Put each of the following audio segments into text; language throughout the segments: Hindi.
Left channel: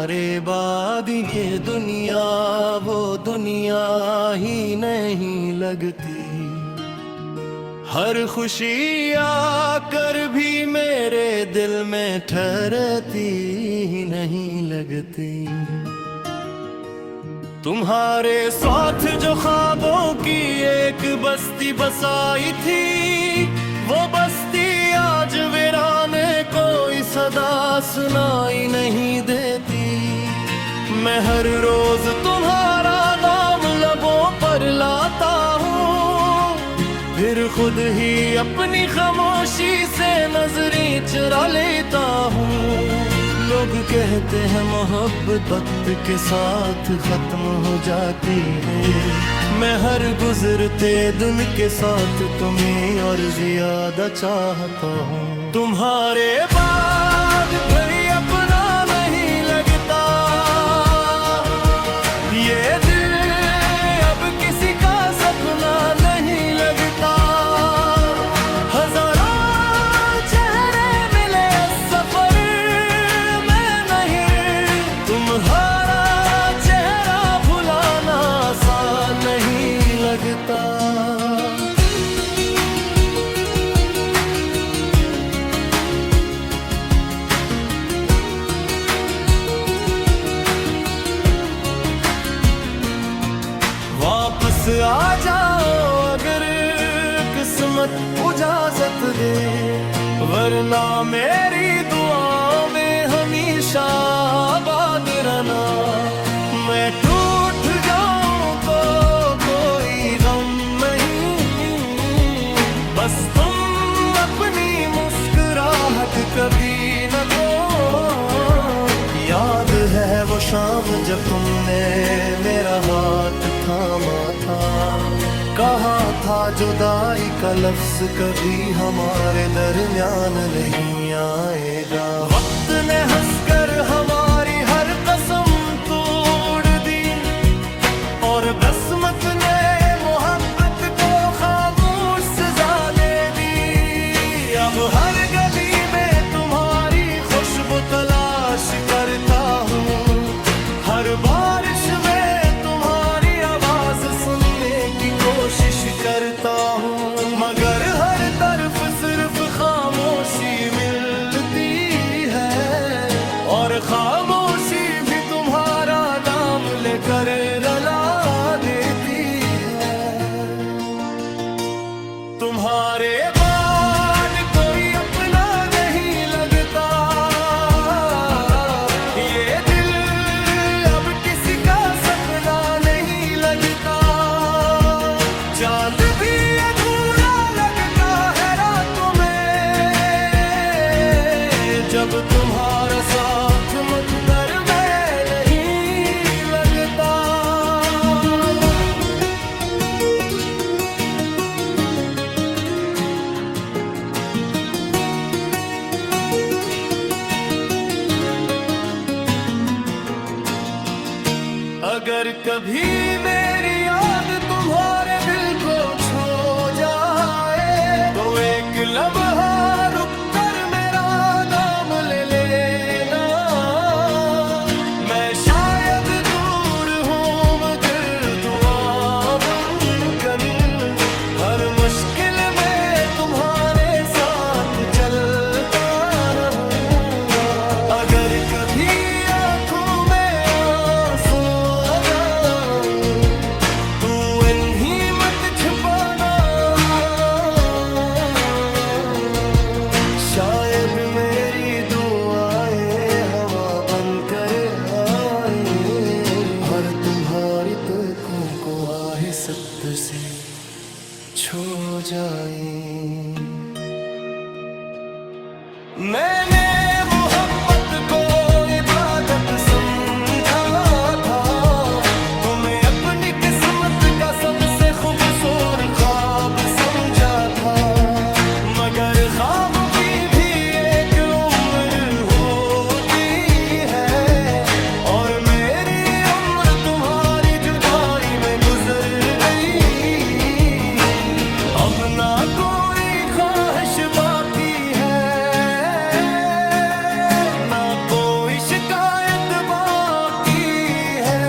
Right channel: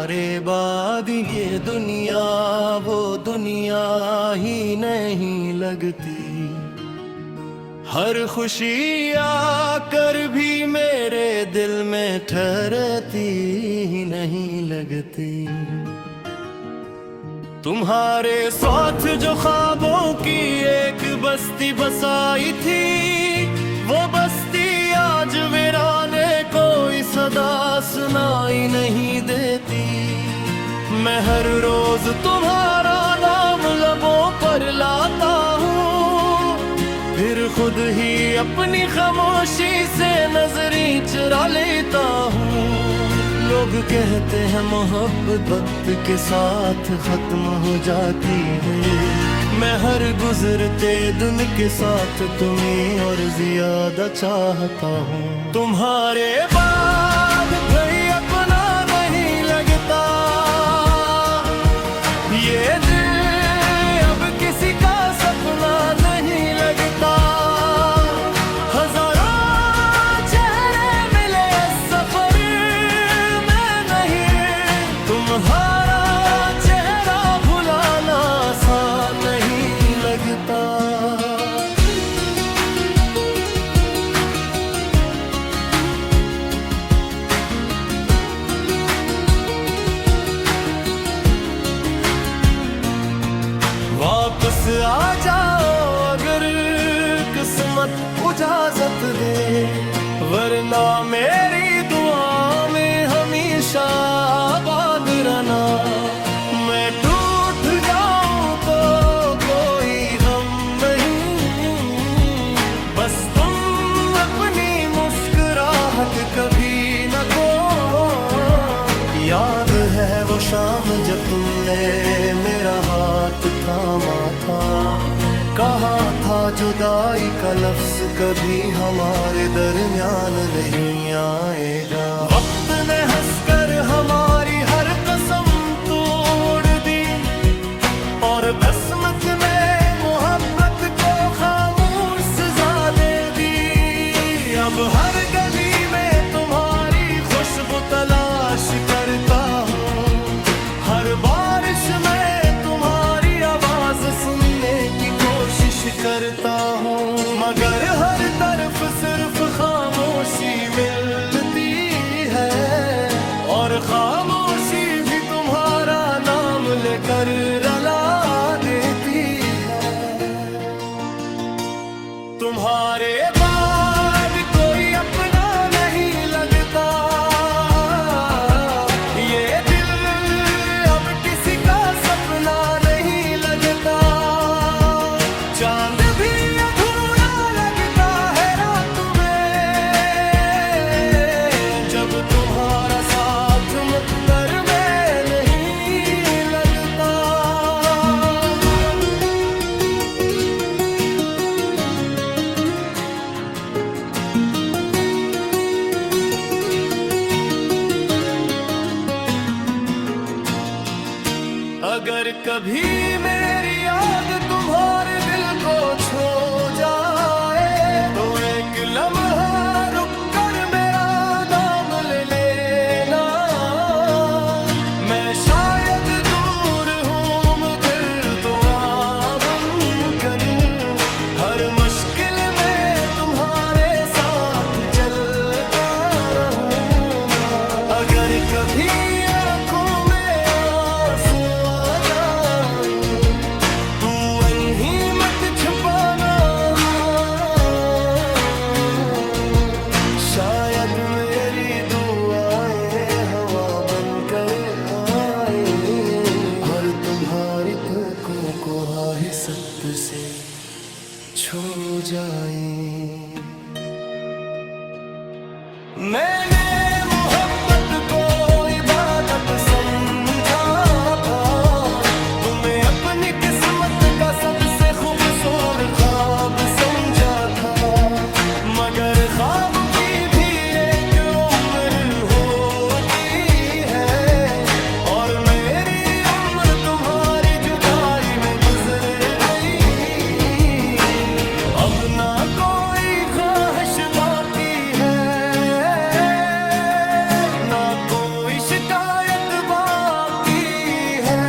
तुम्हारे बाद ये दुनिया वो दुनिया ही नहीं लगती। हर खुशी आकर भी मेरे दिल में ठहरती ही नहीं लगती। तुम्हारे साथ जो ख्वाबों की एक बस्ती बसाई थी, वो बस्ती आज वीराने कोई सदा सुनाई नहीं देती। मैं हर रोज तुम्हारा नाम लबों पर लाता हूँ, फिर खुद ही अपनी खामोशी से नजरें चुरा लेता हूँ। लोग कहते हैं मोहब्बत वक्त के साथ खत्म हो जाती है, मैं हर गुजरते दिन के साथ तुम्हें और ज्यादा चाहता हूँ। तुम्हारे बाद भाई अपना नहीं लगता, ये दिल अब किसी का सपना नहीं लगता। हजारों चेहरे मिले सफर में नहीं, तुम्हारा चेहरा भुलाना आसान नहीं लगता। वापस आ जाओ अगर किस्मत इजाजत दे, वरना मेरी दुआ में हमेशा आबाद रहना। मैं टूट जाऊं तो कोई गम नहीं, बस तुम अपनी मुस्कुराहट कभी न खो। याद है वो शाम जब तुमने मेरा हाथ थामा था, कहा था जुदाई का लफ्ज कभी हमारे दरमियान नहीं आएगा। वक्त ने हंसकर हमारी हर कसम तोड़ दी, और बसमत ने मोहब्बत को खामोश सजा दे दी। अब हर गली में तुम्हारी खुशबू तलाश करता हूँ, हर बारिश में तुम्हारी आवाज सुनने की कोशिश करता हूँ। मगर हर तरफ सिर्फ खामोशी मिलती है, और खामोशी भी तुम्हारा नाम लेकर रुला देती है। तुम्हारे बाद कोई अपना नहीं लगता, ये दिल अब किसी का सपना नहीं लगता। चांद भी अधूरा लगता है रातों में, जब तुम्हारा साथ मुकद्दर में नहीं लगता। अगर कभी मेरी याद तुम्हारे दिल को छू जाए, तो एक लम्हा रुक कर मेरा नाम ले लेना। मैं शायद दूर हूँ मगर दुआ बनकर हर मुश्किल में तुम्हारे साथ चलता रहूँगा। अगर कभी आँखों में आंसू आ जाए, तू इन्हीं मत छिपाना। शायद मेरी दुआएं हवा बनकर आए, और तुम्हारी तकों को आहिस्त से छू जाए। मैंने मोहब्बत को इबादत समझा था, तुम्हें अपनी किस्मत का सबसे खूबसूरत ख्वाब समझा था। मगर ख्वाब की भी एक उम्र होती है, और मेरी उम्र तुम्हारी जुदाई में गुजर गई। अब ना कोई ख्वाहिश बाकी है, ना कोई शिकायत बाकी है,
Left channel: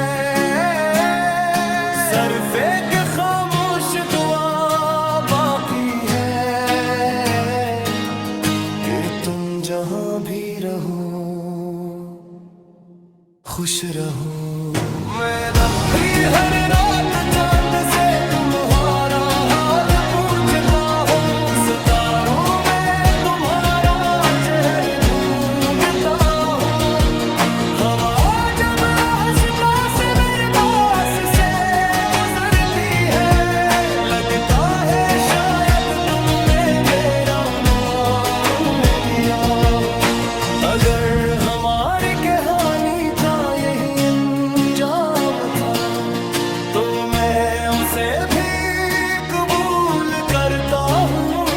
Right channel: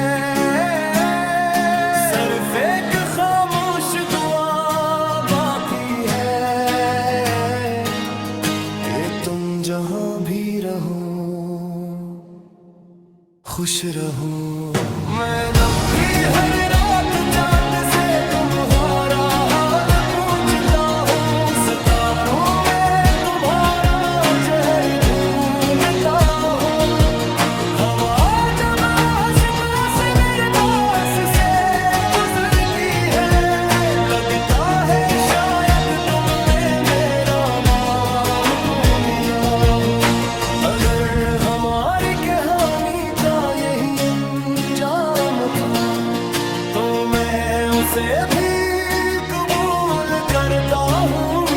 सिर्फ एक खामोश दुआ बाकी है कि तुम जहां भी रहो खुश रहो। मैं अपनी हर रात चांद से तुम्हारा हाल पूछता हूँ, सितारों में तुम्हारा चेहरा ढूंढता हूँ। हवा जब हंसता से मेरे पास से गुजरती है, लगता है शायद तुमने मेरा नाम लिया हूँ। अगर हमारी कहानी का यही अंजाम था तो मैं उसे भी कबूल करता हूँ,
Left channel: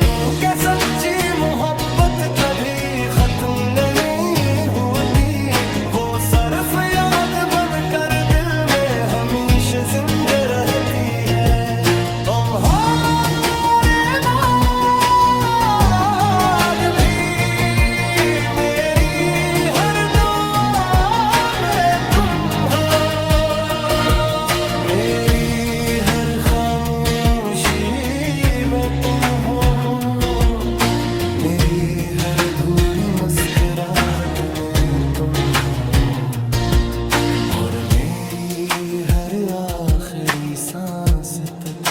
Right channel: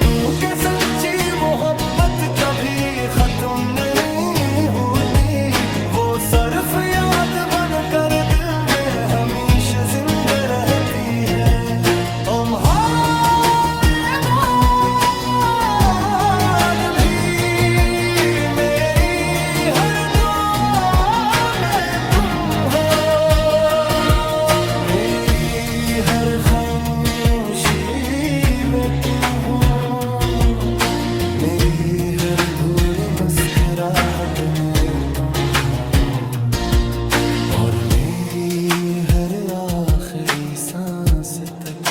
क्योंकि सच्ची मोहब्बत कभी खत्म नहीं होती। वो सिर्फ याद बनकर दिल में हमेशा जिंदा रहती है। तुम्हारे बाद भी मेरी हर दुआ में तुम हो, मेरी हर खामोशी में तुम हो, मेरी हर अधूरी मुस्कुराहट में तुम हो, और मेरी हर आखिरी सांस तक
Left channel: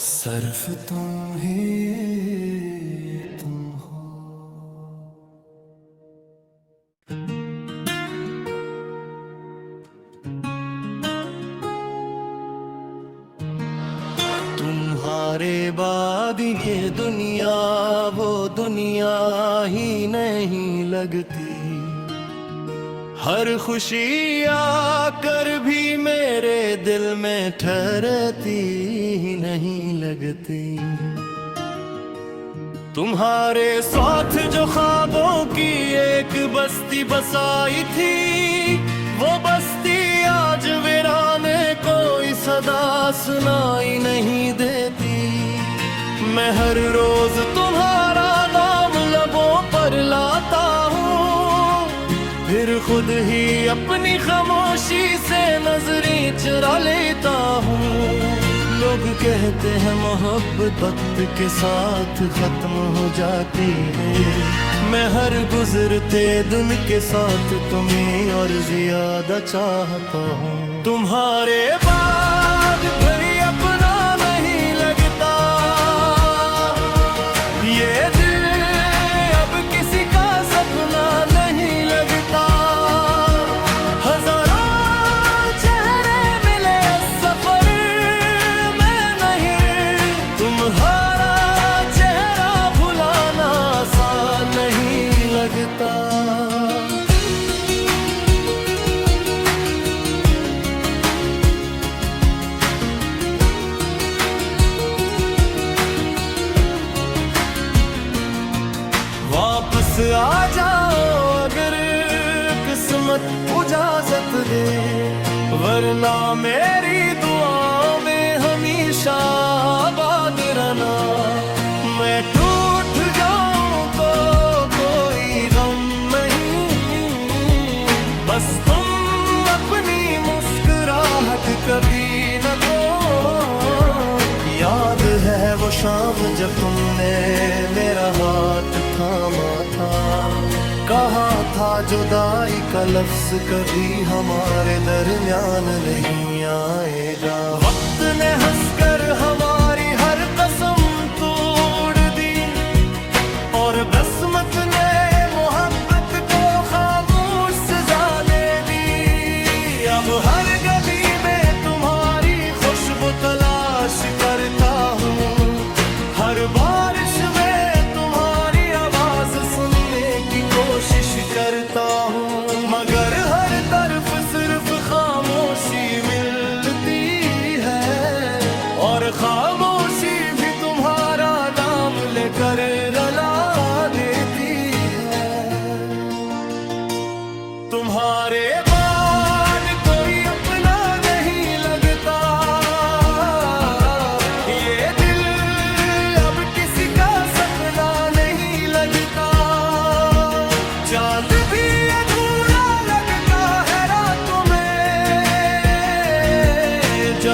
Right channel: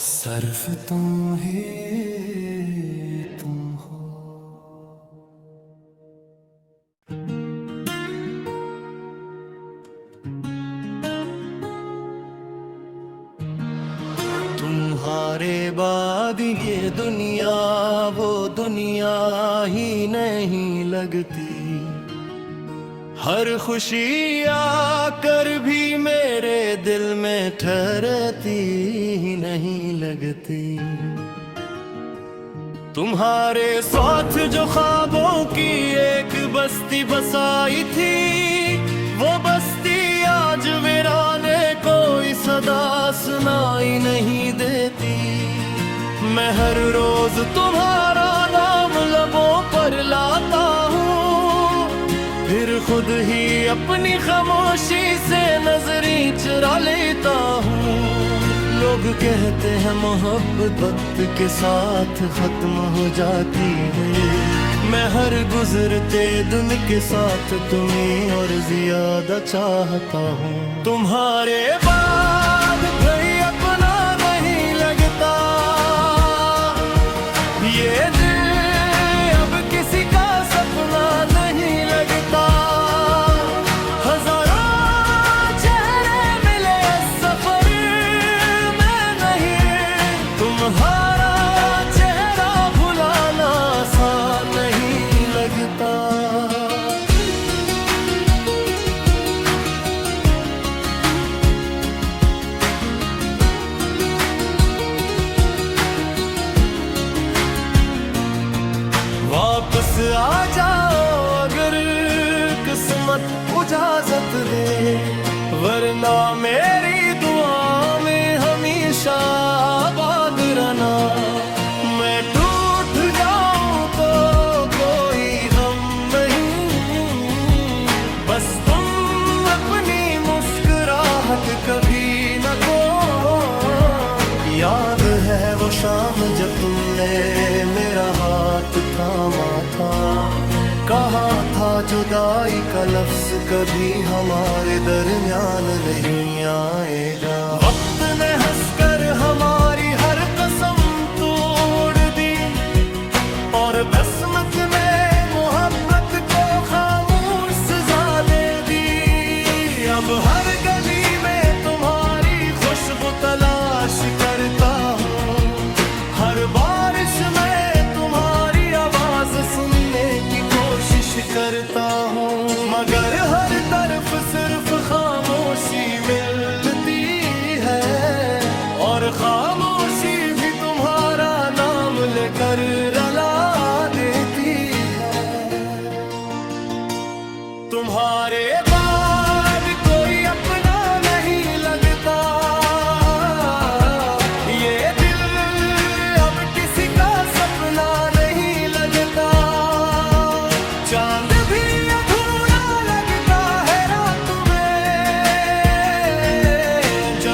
सिर्फ तुम ही तुम हो। तुम्हारे बाद ये दुनिया वो दुनिया ही नहीं लगती। हर खुशी आकर भी मेरे दिल में ठहरती ही नहीं लगती। तुम्हारे साथ जो ख्वाबों की एक बस्ती बसाई थी, वो बस्ती आज वीराने कोई सदा सुनाई नहीं देती। मैं हर रोज तुम्हारा नाम लबों पर लाता हूँ, फिर खुद ही अपनी खामोशी से नजरें चुरा लेता हूँ। लोग कहते हैं मोहब्बत वक्त के साथ खत्म हो जाती है, मैं हर गुजरते दिन के साथ तुम्हें और ज्यादा चाहता हूँ। तुम्हारे बाद भाई अपना नहीं लगता, ये दिल अब किसी का सपना नहीं लगता। हजारों चेहरे मिले सफर में नहीं, तुम्हारा चेहरा भुलाना आसान नहीं लगता। वापस आ जाओ अगर किस्मत इजाजत दे, वरना मेरी दुआ में हमेशा आबाद रहना। मैं टूट जाऊं तो कोई गम नहीं, बस तुम अपनी मुस्कुराहट कभी न खो। याद है वो शाम जब तुमने मेरा हाथ थामा था, कहा था जुदाई का लफ्ज कभी हमारे दरमियान नहीं आएगा। वक्त ने हंसकर हमारी हर कसम तोड़ दी, और बसमत ने मोहब्बत को खामोश सजा दे दी। अब हर गली में तुम्हारी खुशबू तलाश करता हूँ, हर बारिश में तुम्हारी आवाज सुनने की कोशिश करता हूँ। मगर हर तरफ सिर्फ खामोशी मिलती है, और खामोशी भी तुम्हारा नाम लेकर रुला देती है। तुम्हारे बाद कोई अपना नहीं लगता, ये दिल अब किसी का सपना नहीं लगता।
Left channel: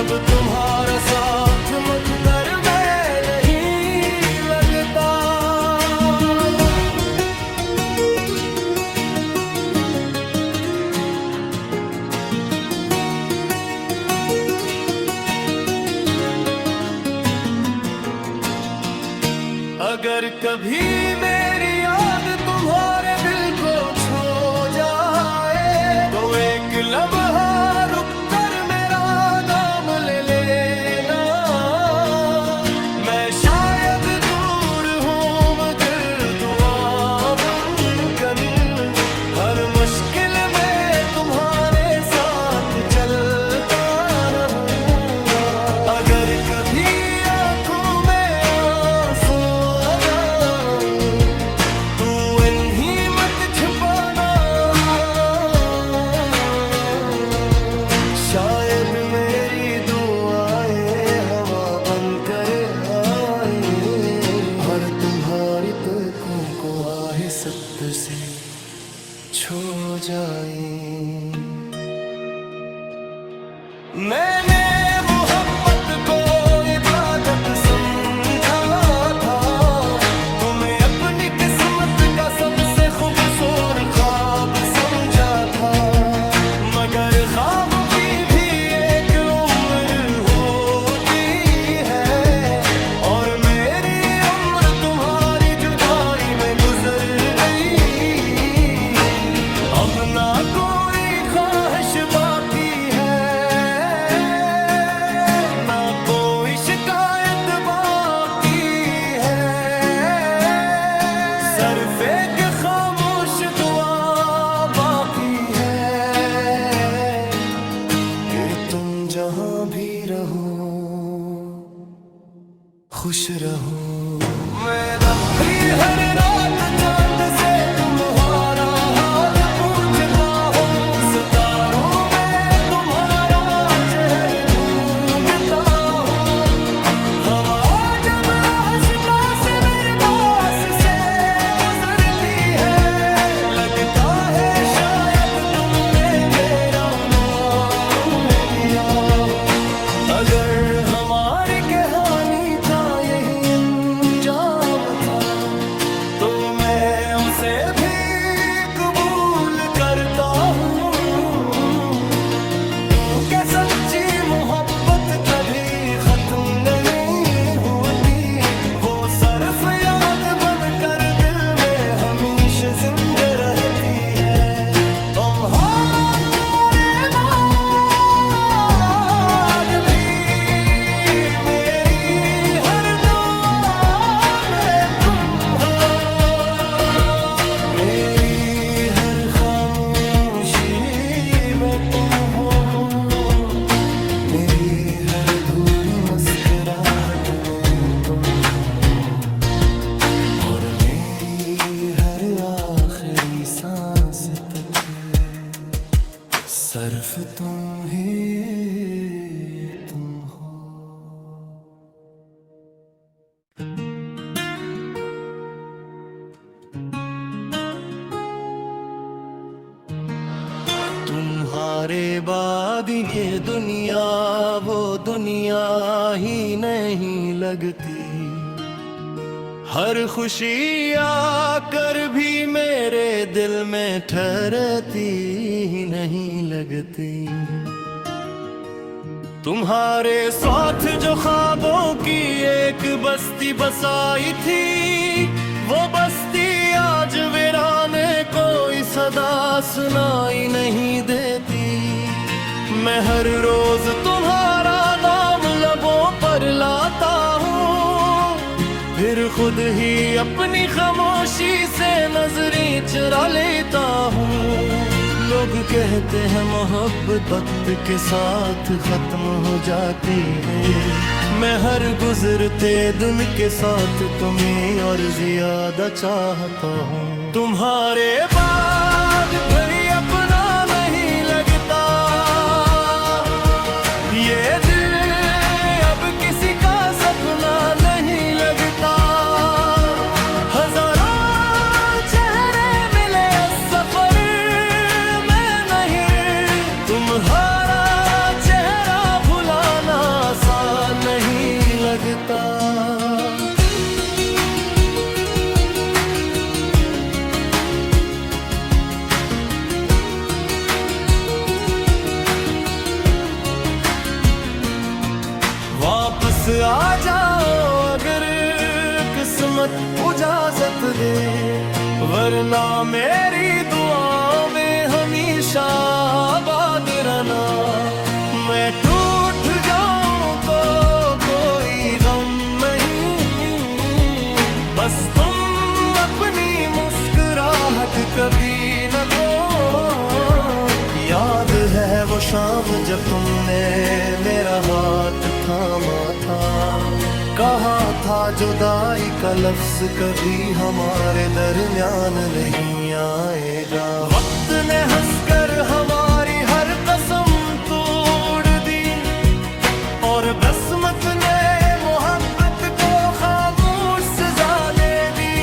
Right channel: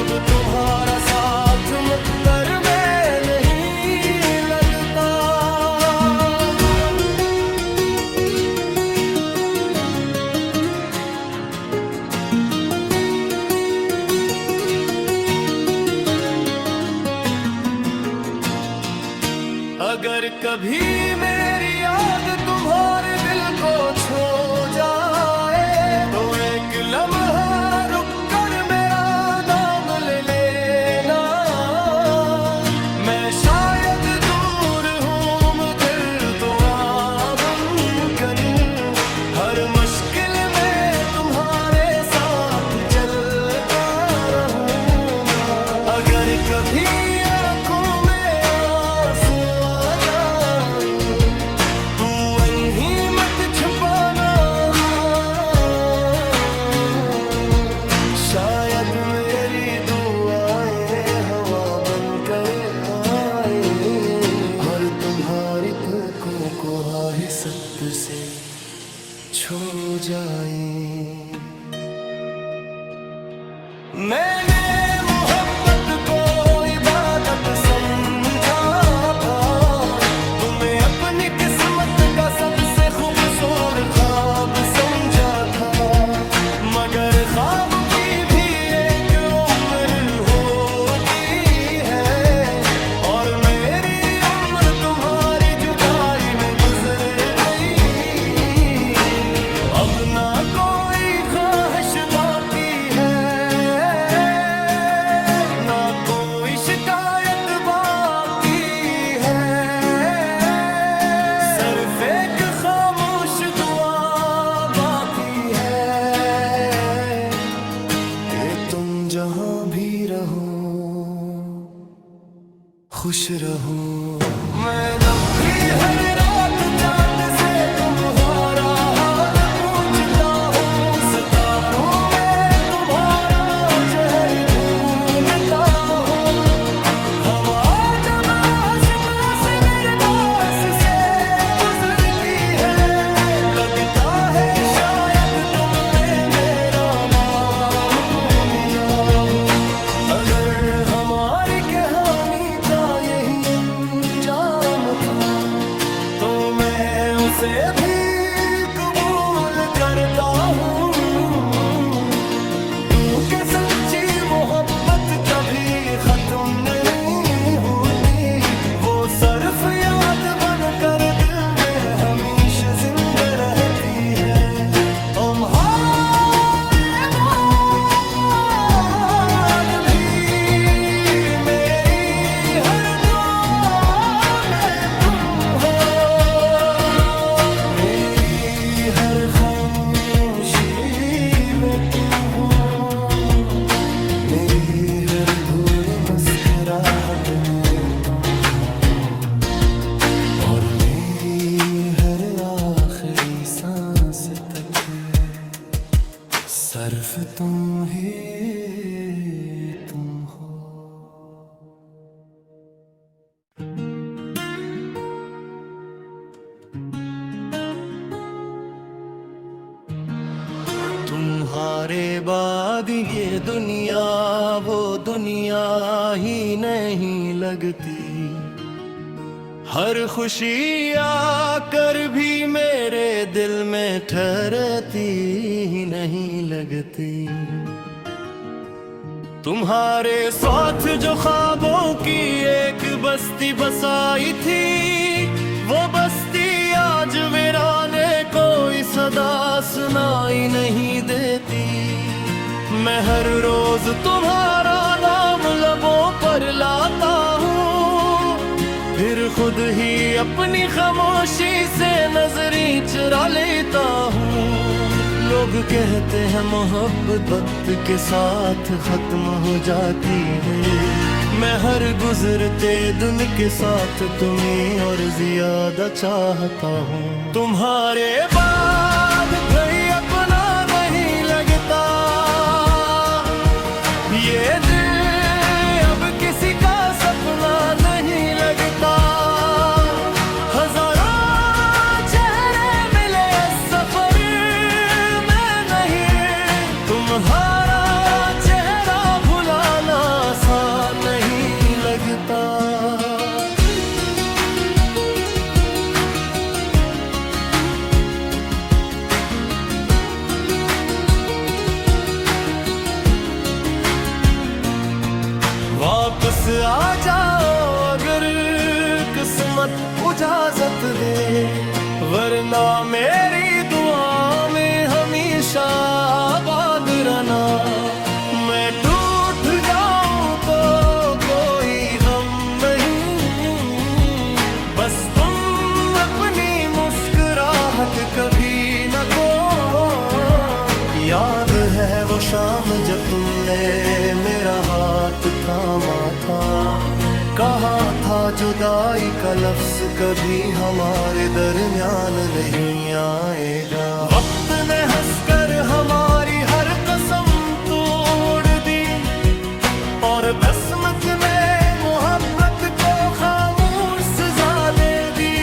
जब तुम्हारा साथ मुकद्दर में नहीं लगता। अगर कभी मेरी याद तुम्हारे दिल को छू जाए तो एक लम्हा रुक कर मेरा नाम ले लेना। मैं शायद दूर हूँ मगर दुआ बनकर हर मुश्किल में तुम्हारे साथ चलता रहूँगा। अगर कभी आँखों में आंसू आ जाए तू अनही मत छुपाना। शायद मेरी दुआएं हवा बनकर आए और तुम्हारी तकों को आहिस्ते से छू जाए। मैंने मोहब्बत को इबादत समझा था, तुम्हें अपनी किस्मत का सबसे खूबसूरत ख्वाब समझा था। मगर ख्वाबों की भी एक उम्र होती है और मेरी उम्र तुम्हारी जुदाई में गुजर गई। अब ना कोई ख्वाहिश बाकी है ना कोई शिकायत बाकी है। सिर्फ एक खामोश दुआ बाकी है कि तुम जहां भी रहो खुश रहो। मैं अपनी हर रात चांद से तुम्हारा हाल पूछता हूँ, सितारों में तुम्हारा चेहरा ढूंढता हूँ। हवा जब हंसता से मेरे पास से गुजरती है, लगता है शायद तुमने मेरा नाम लिया हूँ। अगर हमारी कहानी का यही अंजाम था तो मैं उसे भी कबूल करता हूँ। क्योंकि सच्ची मोहब्बत कभी खत्म नहीं होती, वो सिर्फ याद बनकर दिल में हमेशा जिंदा रहती है। तुम्हारे बाद भी मेरी हर दुआ में तुम हो, मेरी हर खामोशी में तुम हो, मेरी हर अधूरी मुस्कुराहट में तुम हो और मेरी हर आखिरी सांस तक सिर्फ तुम ही तुम हो। तुम्हारे बाद ये दुनिया वो दुनिया ही नहीं लगती। हर खुशी आकर भी मेरे दिल में ठहरती ही नहीं लगती। तुम्हारे साथ जो ख्वाबों की एक बस्ती बसाई थी, वो बस्ती आज वीराने कोई सदा सुनाई नहीं देती। मैं हर रोज तुम्हारा नाम लबों पर लाता हूँ, फिर खुद ही अपनी खामोशी से नजरें चुरा लेता हूँ। लोग कहते हैं मोहब्बत वक्त के साथ खत्म हो जाती है, मैं हर गुजरते दिन के साथ तुम्हें और ज्यादा चाहता हूँ। तुम्हारे बाद भाई अपना नहीं लगता, ये दिल अब किसी का सपना नहीं लगता। हजारों चेहरे मिले सफर में नहीं, तुम्हारा चेहरा भुलाना वापस आ जाओ अगर किस्मत इजाजत दे, वरना मेरी दुआ में हमेशा आबाद रहना। मैं टूट जाऊं तो कोई गम नहीं, बस तुम अपनी मुस्कुराहट कभी न खो। याद है वो शाम जब तुमने मेरा हाथ थामा था, कहा था जुदाई का लफ्ज कभी हमारे दरमियान नहीं आएगा। वक्त ने हंसकर हमारी हर कसम तोड़ दी, और बसमत ने मोहब्बत को खामोश सजा दे दी।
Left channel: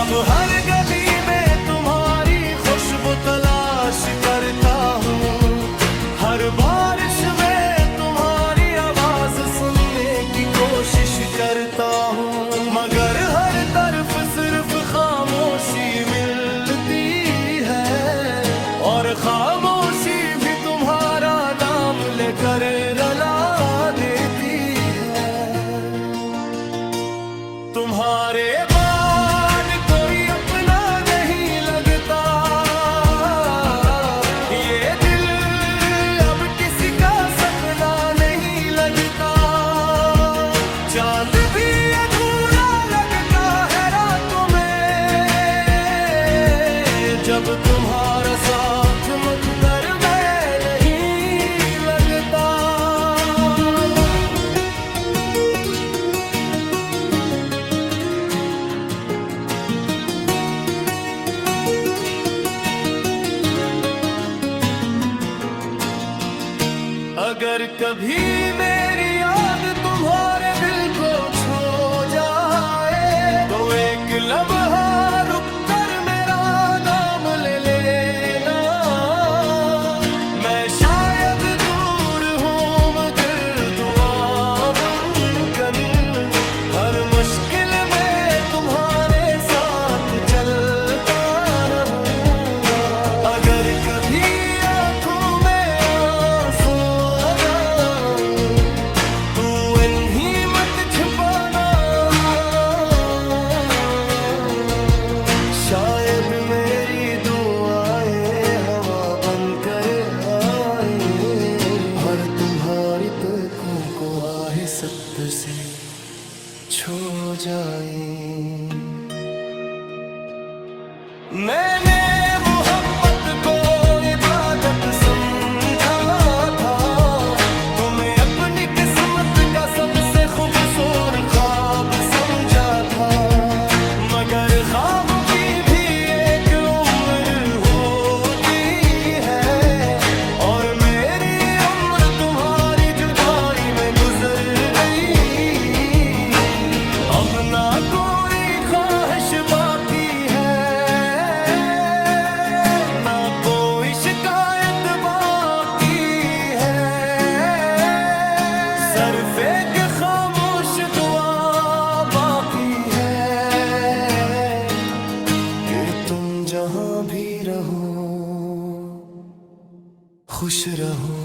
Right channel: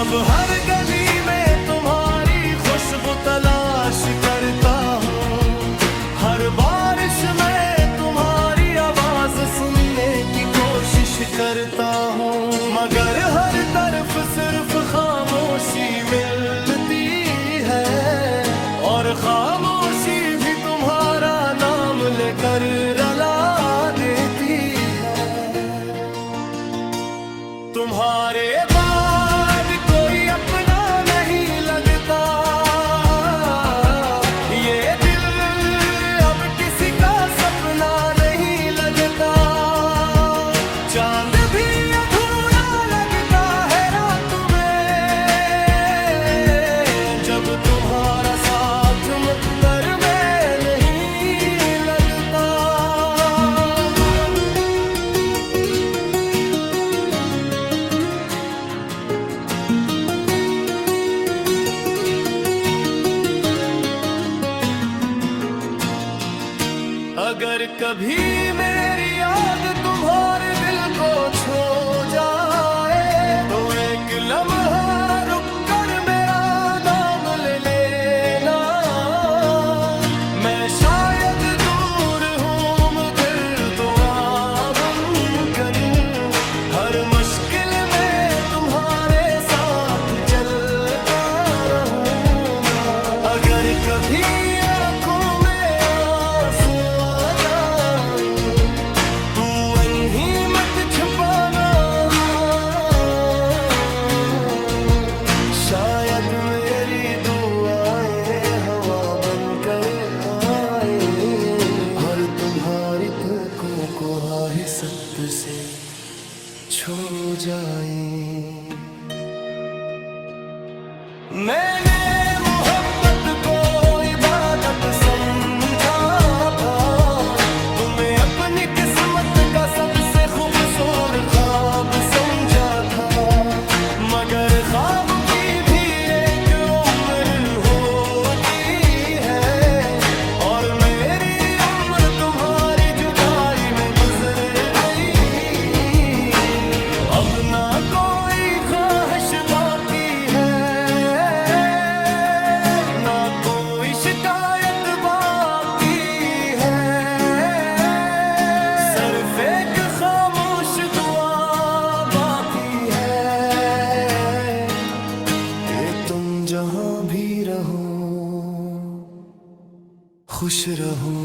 अब हर गली में तुम्हारी खुशबू तलाश करता हूँ, हर बारिश में तुम्हारी आवाज सुनने की कोशिश करता हूँ, मगर हर तरफ सिर्फ खामोशी मिलती है, और खामोशी भी तुम्हारा नाम लेकर रुला देती है। तुम्हारे बाद कोई अपना नहीं लगता, ये दिल अब किसी का सपना नहीं लगता। चांद भी अधूरा लगता है रात में, जब तुम्हारा साथ मुकद्दर में नहीं लगता। अगर कभी मेरी याद तुम्हारे दिल को छू जाए, तो एक लम्हा रुक कर मेरा नाम ले लेना। मैं शायद दूर हूँ मगर दुआ बनकर हर मुश्किल में तुम्हारे साथ चलता रहूँगा। अगर कभी आँखों में तू इन्हीं मत छुपाना, शायद मेरी दुआएं हवा बनकर आए, और तुम्हारी तकों को आहिस्त से छू जाए। मैंने मोहब्बत को इबादत समझा था, तुम्हें अपनी किस्मत का सबसे खूबसूरत ख्वाब समझा था, मगर ख्वाबों की भी एक उम्र होती है, और मेरी उम्र तुम्हारी जुदाई में गुजर गई। अब ना कोई ख्वाहिश बाकी है, ना कोई शिकायत बाकी है, सिर्फ एक खामोश दुआ बाकी है कि तुम जहां भी रहो खुश रहो।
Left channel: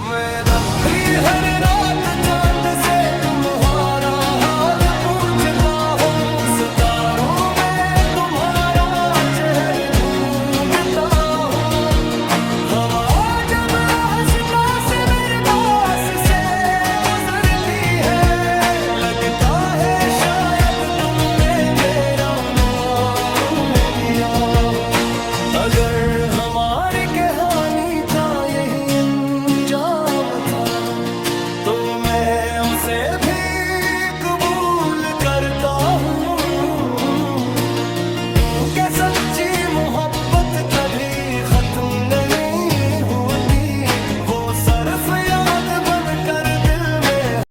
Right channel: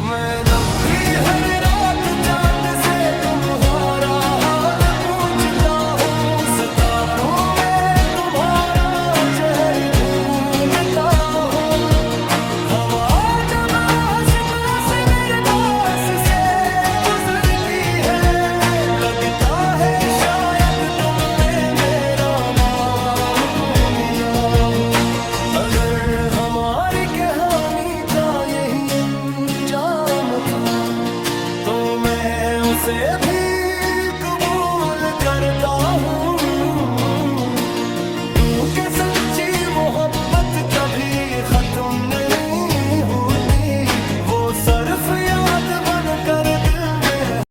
मैं अपनी हर रात चांद से तुम्हारा हाल पूछता हूँ, सितारों में तुम्हारा चेहरा ढूंढता हूँ। हवा जब हंसता से मेरे पास से गुजरती है, लगता है शायद तुमने मेरा नाम लिया हो। अगर हमारी कहानी का यही अंजाम था, तो मैं उसे भी कबूल करता हूँ, क्योंकि सच्ची मोहब्बत कभी खत्म नहीं होती, वो सिर्फ याद बनकर दिल में